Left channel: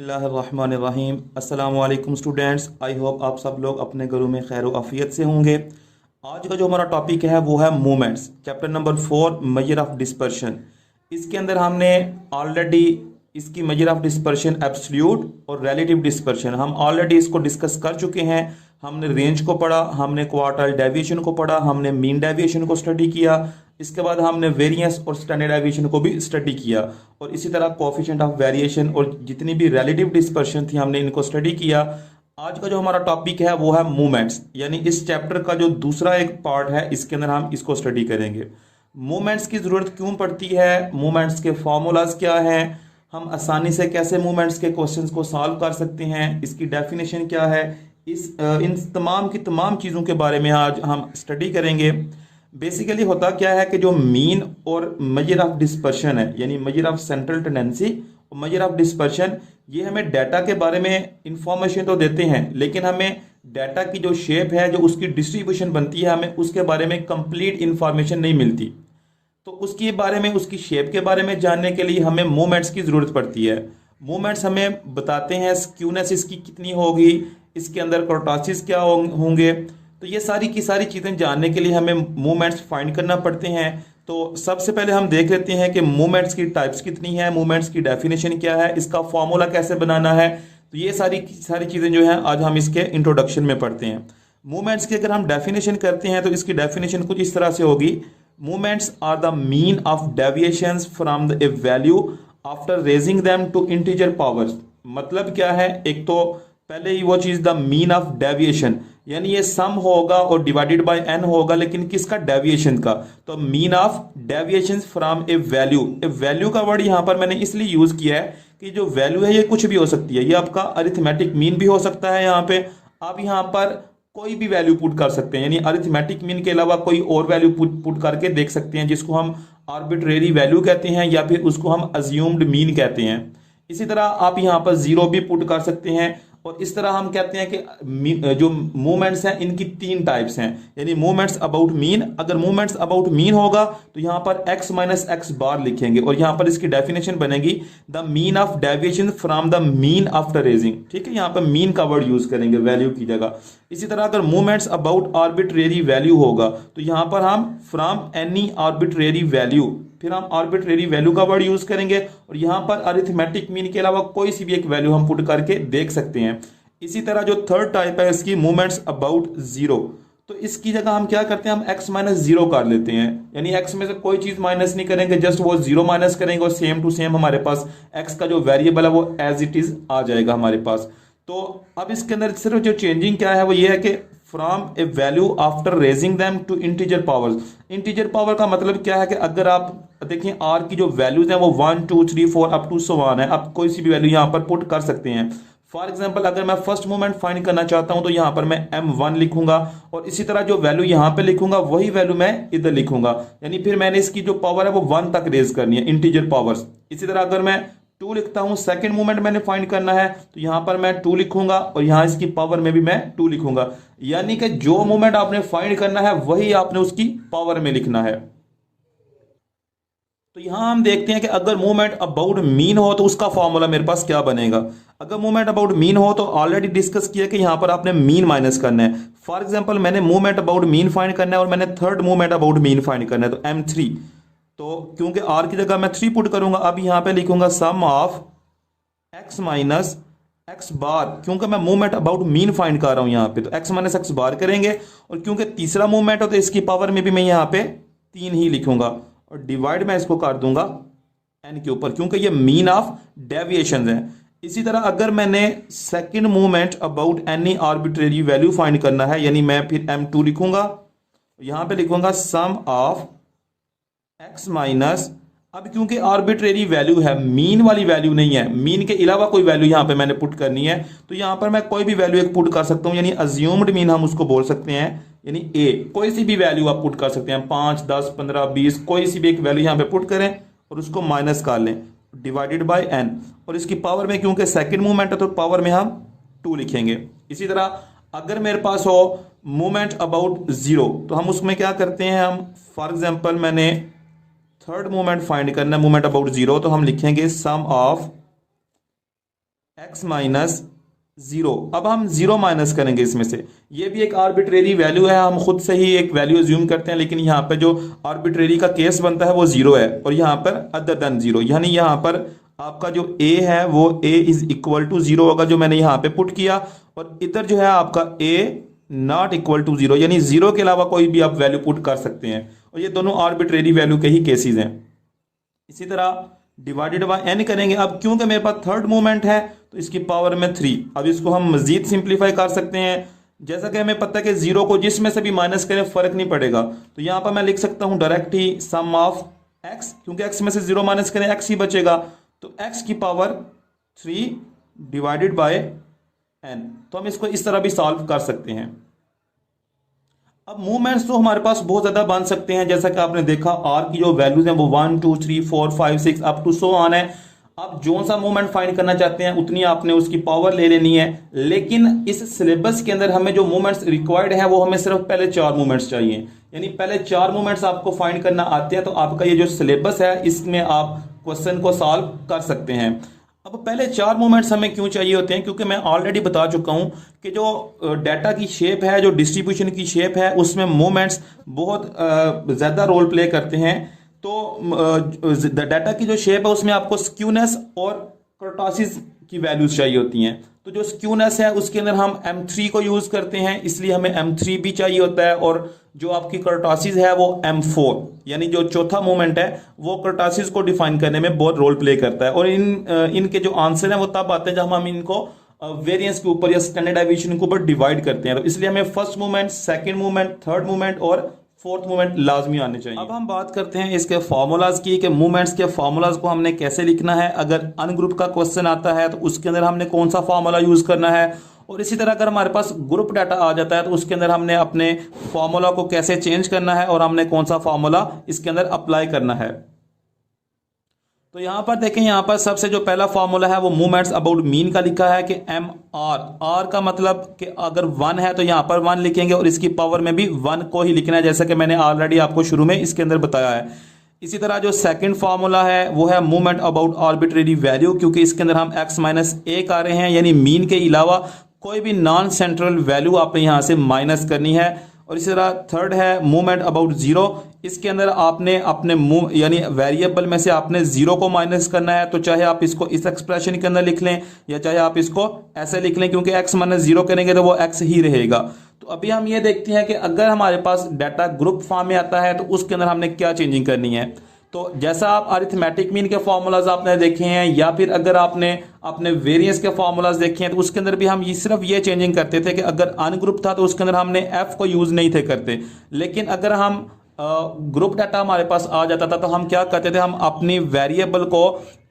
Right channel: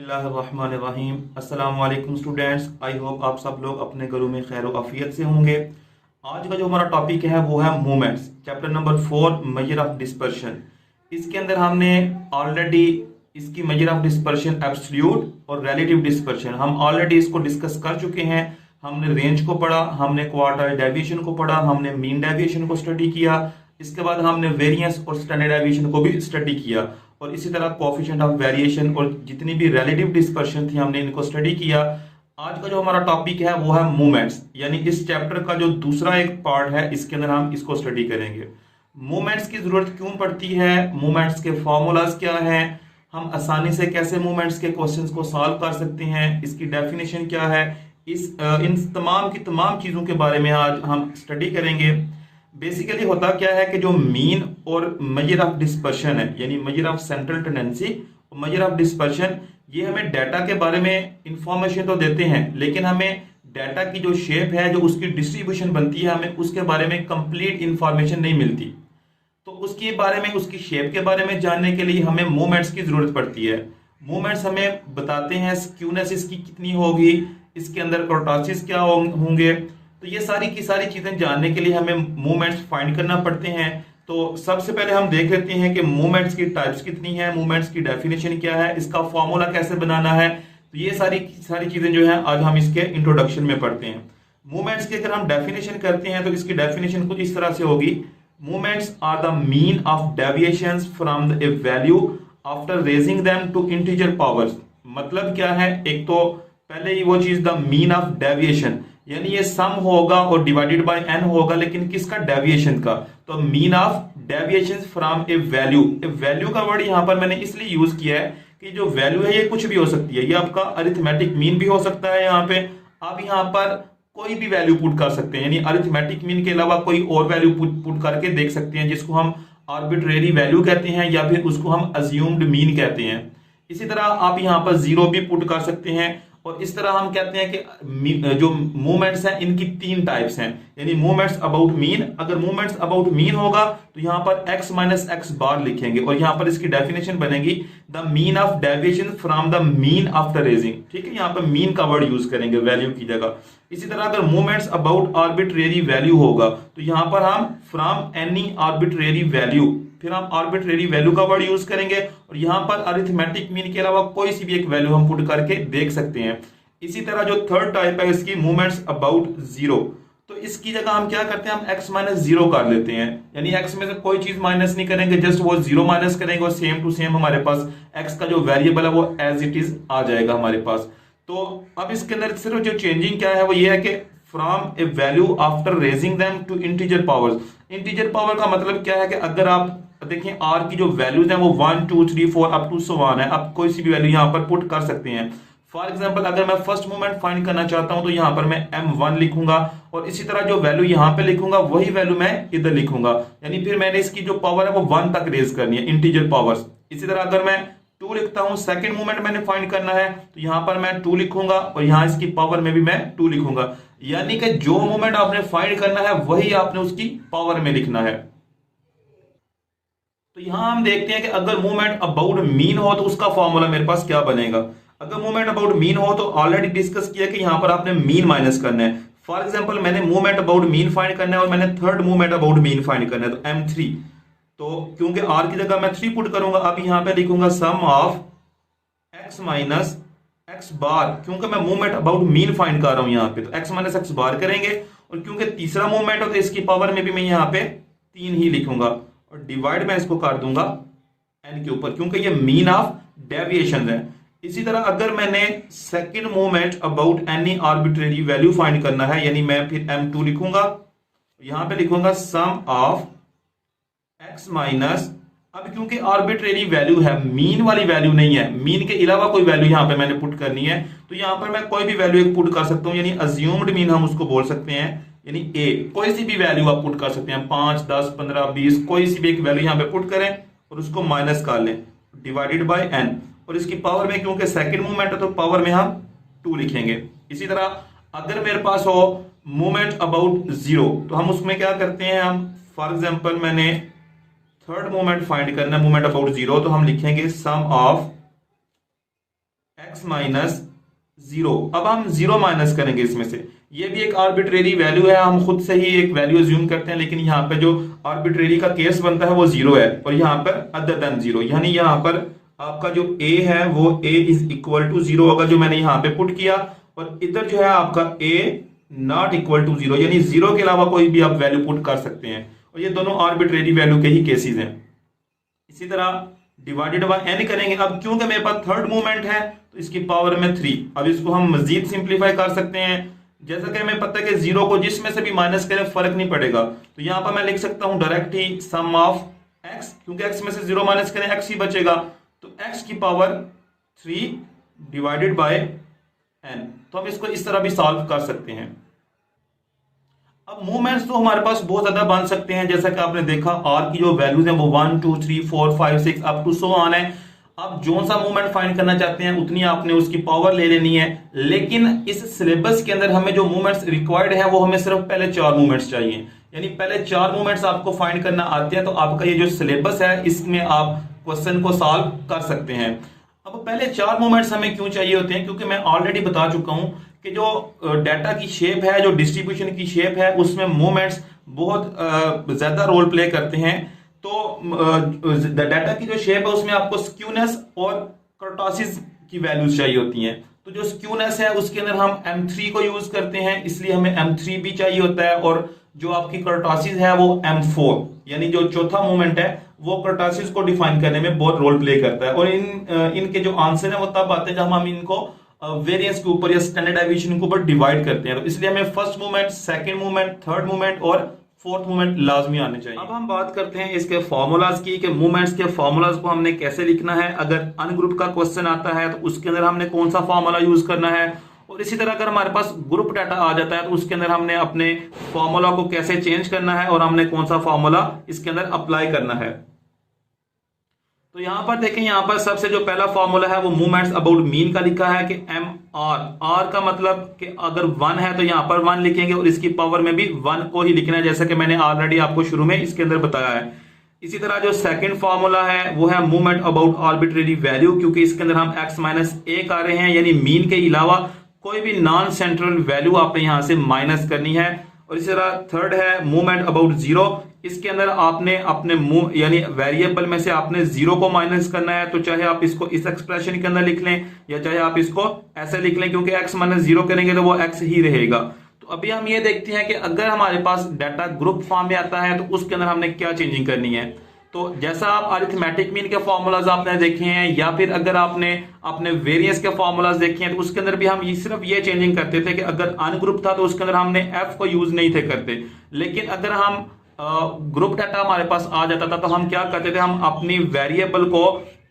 बिस्मिल्लाहिर्रहमानिर्रहीम। अस्सलामुअलैकुम students, I hope आप सब लोग अपने घरों में खैर आफियत से होंगे। आज का जो हमारा टॉपिक है वो है movements, chapter number 4, measure of dispersion. इसके अंदर हमने ऑलरेडी इसकी मेजर ऑफ डिस्पर्शन एब्सोल्यूट और रिलेटिव डिस्पर्शन हम ऑलरेडी इसको डिस्कस कर चुके हैं। हमने रेंज को पढ़ा, हमने क्वार्टाइल डेविएशन को पढ़ा, हमने मीन डेविएशन को स्टडी किया, इसके बाद हमने वेरिएंस और स्टैंडर्ड डेविएशन को भी स्टडी किया, और इसी तरह कोएफिशिएंट ऑफ वेरिएशन और जितनी भी रिलेटिव डिस्पर्शन थी हमने इनको स्टडी किया। आज का जो हमारा टॉपिक है वो है मूवमेंट्स, यानी इस चैप्टर का जो दूसरा एक पार्ट है इसके अंदर हम इसको स्टडी करेंगे। मूवमेंट्स की जरूरत क्यों पड़ती है, मूवमेंट्स के फॉर्मूलाज क्या है, हम आसानी से कैसे मूवमेंट्स के क्वेश्चंस को सॉल्व कर सकते हैं, इसकी डेफिनेशन क्या है, इन तमाम की तमाम चीज़ों के बारे में आज हम स्टडी करेंगे। बेसिकली होता क्या है कि जो मीन और मेजर ऑफ डिस्पर्शन है, यानी मेजर ऑफ सेंट्रल टेंडेंसी और मेजर ऑफ डिस्पर्शन, ये हमें डाटा के बारे में इंफॉर्मेशन तो देते हैं, लेकिन हमें डाटा की जो शेप है, जो उसकी डिस्ट्रीब्यूशन बनती है, हमें उसके बारे में कंप्लीट इंफॉर्मेशन नहीं मिलती। तो उसके बारे में, उसकी शेप के बारे में जानने के लिए हमें मूवमेंट्स की जरूरत पड़ती है। मूवमेंट्स हमें बताते हैं स्क्यूनेस इसकी कितनी होगी, इसके अंदर कर्टोसिस क्या होंगे। तो ये सारी की सारी चीजें जानने के लिए हमें मूवमेंट्स फाइंड करना पड़ते हैं। तो सबसे पहले हम देख लेते हैं कि मूवमेंट्स की टाइप्स कितनी है, मूवमेंट्स की डेफिनेशन क्या है, इसका फॉर्मूला कैसे बनाना है। तो ये सारी चीजें जो है आज हम इसके इंट्रोडक्शन में पढ़ते हैं। मूवमेंट्स की अगर हम डेफिनेशन करते हैं तो इसकी डेफिनेशन कुछ इस तरह से होगी: movements are the mean of deviations from a value after raising them to integer powers. मतलब क्या है, एक तो पहले ही वो चीज द मीन ऑफ डेविएशन, यानी ये सम होगा और डिवाइडेड बाय n होगा, लेकिन किसका, डेविएशन का। तो mean of deviation from a value, value का वर्ड यहां पर मैंने इसलिए यूज किया है कि जो वैल्यू है ये कुछ भी हो सकती है। ये आपका अरिथमेटिक मीन भी हो सकता है, यहाँ पे आप यहाँ पर कोई भी वैल्यू पुट कर सकते हैं, यानी अरिथमेटिक मीन के अलावा कोई और वैल्यू पुट करके देख सकते हैं, जिसको हम आर्बिट्रेरी वैल्यू कहते हैं या फिर उसको हम अज्यूम्ड मीन कहते हैं। इसी तरह आप यहाँ पर जीरो भी पुट कर सकते हैं। और इस तरह हम कहते हैं कि जो मूवमेंट्स हैं इनकी तीन टाइप्स हैं, यानी मूवमेंट्स अबाउट मीन। अगर मूवमेंट्स अबाउट मीन होगा तो यहाँ पर x माइनस एक्स बार लिखेंगे, और यहाँ पर इसकी डेफिनेशन बनेगी the mean of deviation from the mean after raising. ठीक है, यहाँ पर मीन का वर्ड यूज करेंगे वैल्यू की जगह। इसी तरह अगर मूवमेंट्स अबाउट आर्बिट्रेरी वैल्यू होगा तो यहाँ पर हम फ्रॉम एनी आर्बिट्रेरी वैल्यू, फिर हम आर्बिट्रेरी वैल्यू का वर्ड यूज करेंगे, और यहां पर अरिथमेटिक मीन के अलावा कोई सी भी एक वैल्यू हम पुट करके देख सकते हैं। इसी तरह जो थर्ड टाइप है इसकी, मूवमेंट्स अबाउट जीरो, तो इसकी जगह हम क्या करते हैं, हम x माइनस जीरो कर लेते हैं, यानी x में से कोई चीज माइनस नहीं करेंगे, जस्ट वो जीरो माइनस करेंगे और सेम टू सेम हमारे पास x का जो वेरिएबल है वो एज इट इज आ जाएगा हमारे पास। तो अब इसके अंदर सिर्फ जो चेंजिंग क्या है वो ये है कि from a value after raising them to integer powers. Integer power का मतलब क्या है कि अगर आप देखिए r की जो वैल्यूज हैं वो 1 2 3 4 अप टू सो ऑन है, आप कोई सी भी वैल्यू यहाँ पर पुट कर सकते हैं। फॉर एग्जांपल अगर मैं फर्स्ट मूवमेंट फाइंड करना चाहता हूं तो यहाँ पर मैं m1 लिखूंगा, और इसी तरह जो वैल्यू यहाँ पे लिखूंगा वही वैल्यू मैं इधर लिखूंगा, यानी फिर मैंने इसकी जो पावर है वो 1 तक रेज करनी है, इंटीजर पावर्स। इसी तरह अगर मैं 2 लिखता हूं, सेकंड मूवमेंट मैंने फाइंड करना है तो यहां पर मैं 2 लिखूंगा, और यहां इसकी पावर में भी मैं 2 लिखूंगा, यानी कि जो मूवमेंट आपने फाइंड करना है वही आपने उसकी पावर में लिखना है। तो यहां हम देखते हैं कि अगर मूवमेंट अबाउट मीन हो तो उसका फॉर्मूला मेरे पास क्या बनेगा। अगर मूवमेंट अबाउट मीन हो तो ऑलरेडी डिस्कस किया कि यहां पर आपने मीन माइनस करना है। फॉर एग्जांपल मैंने मूवमेंट अबाउट मीन फाइंड करना है और मैंने third movement about mean find करना है, तो m3, तो क्योंकि r की जगह मैं 3 पुट करूंगा, अब यहां पे लिखूंगा सम ऑफ x माइनस एक्स बार, क्योंकि मैं मूवमेंट अबाउट मीन फाइंड कर रहा हूं यहां पे, तो x माइनस एक्स बार करेंगे, और क्योंकि तीसरा मूवमेंट है तो इसकी पावर में भी मैं यहां पे 3 ही लिखूंगा, और डिवाइड मैं इसको कर दूंगा n के ऊपर, क्योंकि ये मीन ऑफ डेविएशन है। इसी तरह अगर मैंने second movement about any arbitrary value find करना है, यानी मैं फिर m2 लिखूंगा, यहां पे लिखूंगा सम ऑफ x माइनस, अब क्योंकि आर्बिट्रेरी वैल्यू है, मीन वाली वैल्यू नहीं है, मीन के अलावा कोई वैल्यू यहां पे मैंने पुट करनी है, तो यहां पर मैं कोई भी वैल्यू एक पुट कर सकता हूं, यानी अज्यूम्ड मीन हम उसको बोल सकते हैं, यानी a, कोई सी भी वैल्यू आप पुट कर सकते हैं, 5 10 15 20, कोई सी भी एक वैल्यू यहां पे पुट करें और उसको माइनस कर लें, डिवाइडेड बाय n, और इसकी पावर में क्योंकि सेकंड मूवमेंट है तो पावर में हम 2 लिखेंगे। इसी तरह अगर मेरे पास हो मूवमेंट अबाउट जीरो, तो हम उसमें क्या करते हैं, हम फॉर एग्जांपल मैंने थर्ड मूवमेंट फाइंड करना है, मूवमेंट अबाउट जीरो, तो हम लिखेंगे सम ऑफ x माइनस जीरो। अब हम जीरो माइनस करेंगे इसमें से, ये भी एक आर्बिट्रेरी वैल्यू है, हम खुद से ही एक वैल्यू अज्यूम करते हैं, लेकिन यहाँ पे जो आर्बिट्रेरी का केस बनता है वो जीरो है, और यहाँ पर अदर देन जीरो, यानी यहाँ पर आपका जो a है वो a is equal to zero होगा, जो मैंने यहाँ पे पुट किया, और इधर जो है आपका a not equal to zero, यानी जीरो के अलावा कोई भी आप वैल्यू पुट कर सकते हैं, और ये दोनों आर्बिट्रेरी वैल्यू के ही केसेस हैं। इसी तरह डिवाइडेड बाय n करेंगे। अब क्योंकि मेरे पास थर्ड मूवमेंट है तो इसकी पावर में 3, अब इसको हम मजीद सिंप्लीफाई कर सकते हैं। जैसा कि हमें पता है कि जीरो को जिसमें से भी माइनस करें फर्क नहीं पड़ेगा, तो यहाँ पर मैं लिख सकता हूँ डायरेक्ट ही सम ऑफ x, क्योंकि x में से जीरो माइनस करें x ही बचेगा, तो x की पावर 3 डिवाइडेड बाय n। तो हम इसको इस तरह भी सॉल्व कर सकते हैं। अब मूवमेंट्स तो हमारे पास बहुत ज्यादा बन सकते हैं, जैसा कि आपने देखा r की जो वैल्यूज हैं वो 1 2 3 4 5 6 अप टू सो ऑन है। आप जो सा मूवमेंट फाइंड करना चाहते हैं उतनी आपने उसकी पावर ले लेनी है, लेकिन इस सिलेबस के अंदर हमें जो मूवमेंट्स रिक्वायर्ड है वो हमें सिर्फ पहले 4 मूवमेंट्स चाहिए, यानी पहले 4 मूवमेंट्स आपको फाइंड करना आते हैं, तो आपका ये जो सिलेबस है इसमें आप क्वेश्चन को सॉल्व कर सकते हैं। अब पहले 4 मूवमेंट्स हमें क्यों चाहिए होते हैं, क्योंकि मैं ऑलरेडी बता चुका हूं कि जो डाटा की शेप है, जो डिस्ट्रीब्यूशन की शेप है, उसमें मूवमेंट्स बहुत ज्यादा रोल प्ले करते हैं। तो डाटा की जो शेप है उसमें आपको स्क्यूनेस और कर्टोसिस की वैल्यूज चाहिए होती हैं। तो जो स्क्यूनेस है उसके अंदर हम M3 को यूज करते हैं, इसलिए हमें M3 भी चाहिए होता है, और जो आपकी कर्टोसिस है वो M4, यानी जो चौथा मूवमेंट है वो कर्टोसिस को डिफाइन करने में बहुत रोल प्ले करता है। और इनके जो आंसर है वो तब आते हैं जब हम इनको वेरिएंस के ऊपर या स्टैंडर्ड डेविएशन के ऊपर डिवाइड करते हैं। तो इसलिए हमें first movement, second movement, third movement और फोर्थ मूवमेंट लाजमी आने चाहिए। अब हम बात करते हैं इसके फॉर्मूलाज की, कि मूवमेंट्स के फॉर्मूलाज को हमने कैसे लिखना है। अगर अनग्रुप का क्वेश्चन आता है तो उसके अंदर हमने कौन सा फॉर्मूला यूज करना है, और इसी तरह अगर हमारे पास ग्रुप डाटा आ जाता है तो उसके अंदर हमने अपने फॉर्मूला को कैसे चेंज करना है और हमने कौन सा फॉर्मूला इसके अंदर अप्लाई करना है। तो यहां पर देखें, यहां पर सबसे जो पहला फॉर्मूला है वो मूवमेंट्स अबाउट मीन का लिखा है कि MR का मतलब कि अगर 1 है तो यहां पर 1 लिखेंगे, और इसकी पावर में भी 1 को ही लिखना है, जैसा कि मैंने ऑलरेडी आपको शुरू में इसके अंदर बताया है। इसी तरह जो सेकंड फॉर्मूला है वो है मूवमेंट अबाउट आर्बिट्रेरी वैल्यू, क्योंकि इसके अंदर हम x माइनस ए आ रहे हैं, यानी मीन के अलावा कोई भी नॉन सेंट्रल वैल्यू आपने यहां से माइनस करनी है। और इसी तरह थर्ड है मूवमेंट अबाउट जीरो, इसके अंदर आपने अपने यानी वेरिएबल में से आपने जीरो को माइनस करना है, तो चाहे आप इसको इस एक्सप्रेशन के अंदर लिख लें या चाहे आप इसको ऐसे लिख लें, क्योंकि x माइनस जीरो करेंगे तो वो x ही रहेगा। तो अभी हम ये देखते हैं कि अगर हमारे पास डाटा ग्रुप फॉर्म में आता है तो उसके अंदर हमने क्या चेंजिंग करनी है। तो जैसा आप अरिथमेटिक मीन के फॉर्मूलाज आपने देखे हैं, या फिर अगर आपने अपने वेरिएंस के फॉर्मूलाज देखे हैं, तो उसके अंदर भी हम सिर्फ ये चेंजिंग करते थे कि अगर अनग्रुप था तो उसके अंदर हमने f को यूज नहीं थे करते, लेकिन अगर हम ग्रुप डाटा हमारे पास आ जाता था तो हम क्या करते थे, हम अपनी वेरिएबल को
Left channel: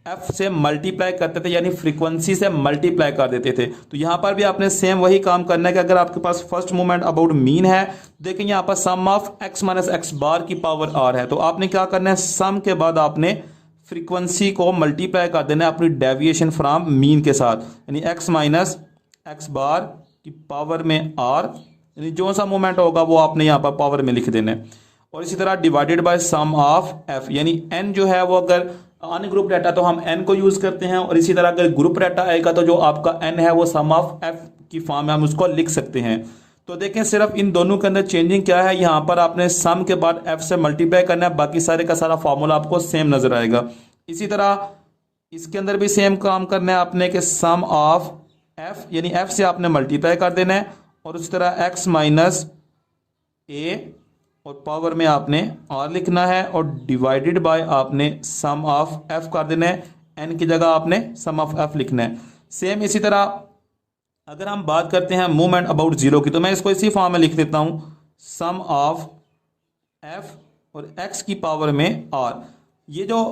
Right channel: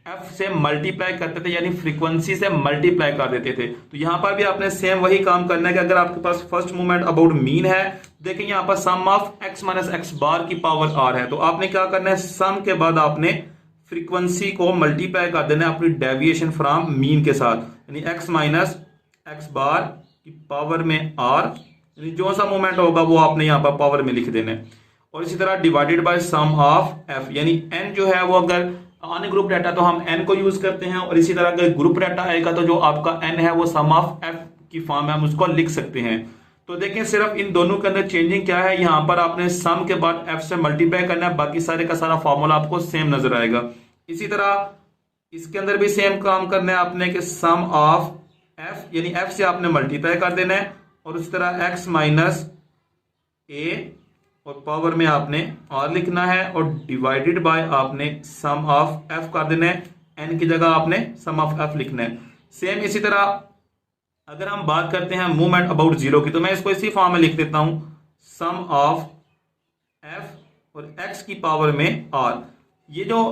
f से मल्टीप्लाई करते थे, यानी फ्रीक्वेंसी से मल्टीप्लाई कर देते थे। तो यहां पर भी आपने सेम वही काम करना है कि अगर आपके पास फर्स्ट मूवमेंट अबाउट मीन है, देखें यहां पर सम ऑफ x माइनस एक्स बार की पावर r है, तो आपने क्या करना है, सम के बाद आपने फ्रीक्वेंसी को मल्टीप्लाई कर देना है अपनी डेविएशन फ्रॉम मीन के साथ, यानी x माइनस एक्स बार की पावर में r, यानी जो सा मूवमेंट होगा वो आपने यहाँ पर पावर में लिख देना है। और इसी तरह divided by sum of f, यानी n जो है वो अगर अनग्रुप डाटा तो हम n को यूज करते हैं, और इसी तरह अगर ग्रुप डाटा आएगा तो जो आपका n है वो सम ऑफ f की फॉर्म में हम उसको लिख सकते हैं। तो देखें सिर्फ इन दोनों के अंदर चेंजिंग क्या है, यहाँ पर आपने सम के बाद f से मल्टीप्लाई करना है, बाकी सारे का सारा फॉर्मूला आपको सेम नजर आएगा। इसी तरह इसके अंदर भी सेम काम करना है आपने कि सम ऑफ f, यानी f से आपने मल्टीप्लाई कर देना है, और उस तरह x माइनस ए और पावर में आपने r लिखना है, और डिवाइडेड बाय आपने सम ऑफ f कर देना है, n की जगह आपने सम ऑफ f लिखना है। सेम इसी तरह अगर हम बात करते हैं मूवमेंट अबाउट जीरो की, तो मैं इसको इसी फॉर्म में लिख देता हूं, सम ऑफ f और x की पावर में r। ये जो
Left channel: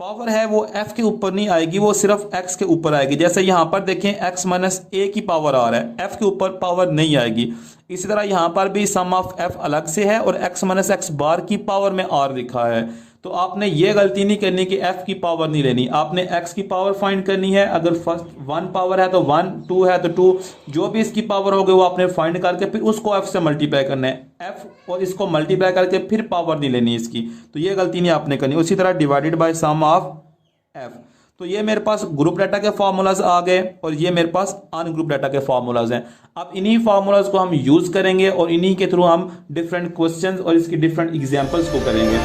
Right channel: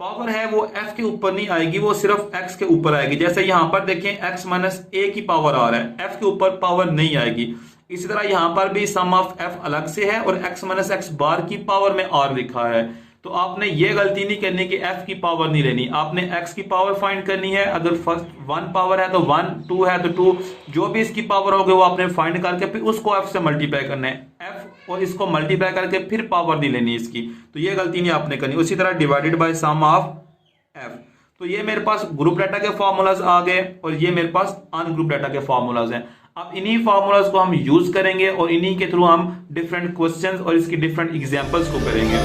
पावर है वो f के ऊपर नहीं आएगी, वो सिर्फ x के ऊपर आएगी। जैसे यहां पर देखें x माइनस ए की पावर r है, f के ऊपर पावर नहीं आएगी। इसी तरह यहां पर भी सम ऑफ f अलग से है और x माइनस एक्स बार की पावर में r लिखा है। तो आपने ये गलती नहीं करनी कि f की पावर नहीं लेनी, आपने x की पावर फाइंड करनी है। अगर फर्स्ट 1 पावर है तो 1, 2 है तो 2, जो भी इसकी पावर होगी वो आपने फाइंड करके फिर उसको f से मल्टीप्लाई करना है, f और इसको मल्टीप्लाई करके फिर पावर नहीं लेनी इसकी, तो ये गलती नहीं आपने करनी। उसी तरह divided by sum of f। तो ये मेरे पास ग्रुप डाटा के फार्मूलाज आ गए और ये मेरे पास अनग्रुप डाटा के फार्मूलाज हैं। अब इन्हीं फार्मूलाज को हम यूज करेंगे और इन्हीं के थ्रू हम डिफरेंट क्वेश्चंस और इसकी डिफरेंट एग्जांपल्स को करेंगे।